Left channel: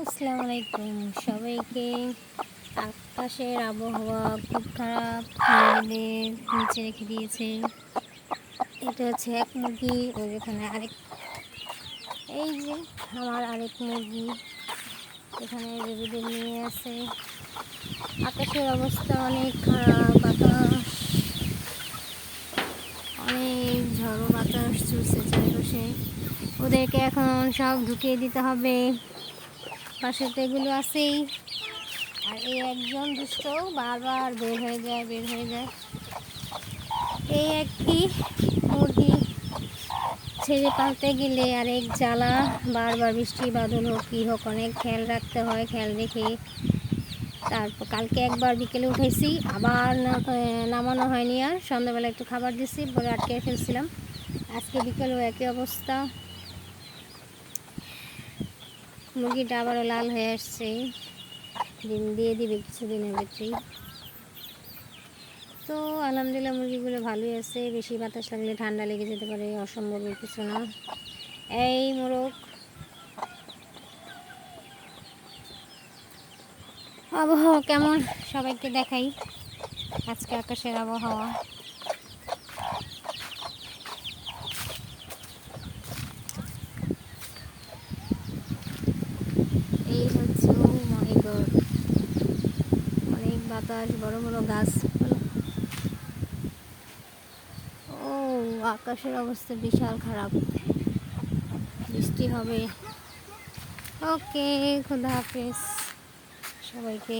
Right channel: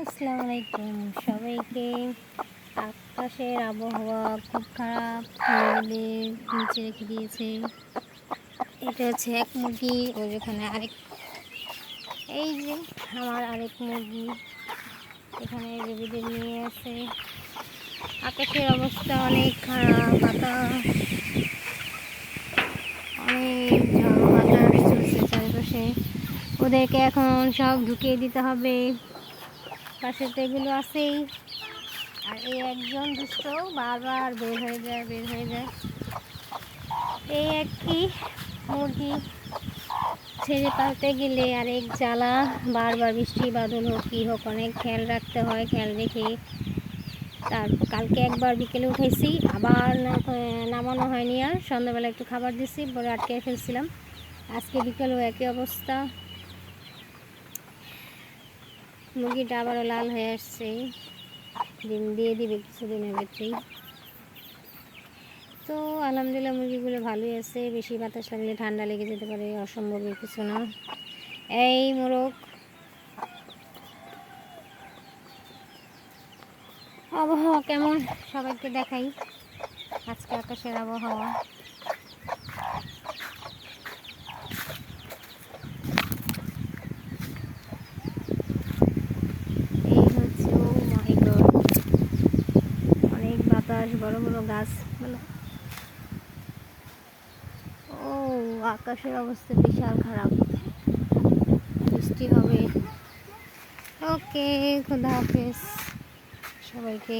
আসসালামু আলাইকুম সবাইকে। আকাশের আবহাওয়া খুব খারাপ, মেঘেদের নিচে রেখে দিয়েছে। এটা হচ্ছে এক মুরগি, ওর এখানে আরেক, এই যে আমার আরেক মুরগি এখানে বেবিদের নিয়ে আছে। আকাশের অবস্থা অনেক খারাপ, বাতাস, অনেক ঝড় বাতাস চলছে চারপাশে। ওদেরকে এখন সব ঢুকিয়ে দিতে হবে, পাশে তো এগুলো আছেই। আর এই একজন দুষ্ট বারবার বের হয়ে যায়। এই একটি মুরগি ছেড়ে পালতে গেলে আরেক জ্বালা, বারবার বৃষ্টি বাদল হোক কী হোক অনেক খেয়াল রাখতে হয়। খেয়াল রেখে তারপর কালকে একবার বিকেলে উঠাইছি, আবার নামানো হয়নি, আর সন্ধ্যাবেলা একটু খাবার দিছি, পরে আটকে ফেলছিলাম। আজকে বিকেলেও একই অবস্থা, মুরগিটা আবারও লাল হয়ে আসছে, ডিম দিয়ে দিবে কিছুদিনের ভিতরেই। তো আলহামদুলিল্লাহ মুরগিগুলো ভালোই আছে, বেশি বাতাস লাগলে ঠান্ডা লেগে যেতে পারে, অসম্ভবের কিছু না। এই মোরগ, আবহাওয়া কেমন সবাইকে দেখাই আজকে আকাশের আবহাওয়া। এই হচ্ছে, ও মাই গড, অনেক বাতাস, বড় বড় গাছপালা। ও, আকাশের অবস্থা বিশাল খারাপ, বৃষ্টি হবে। ওকে, খোদা হাফেজ সবাইকে।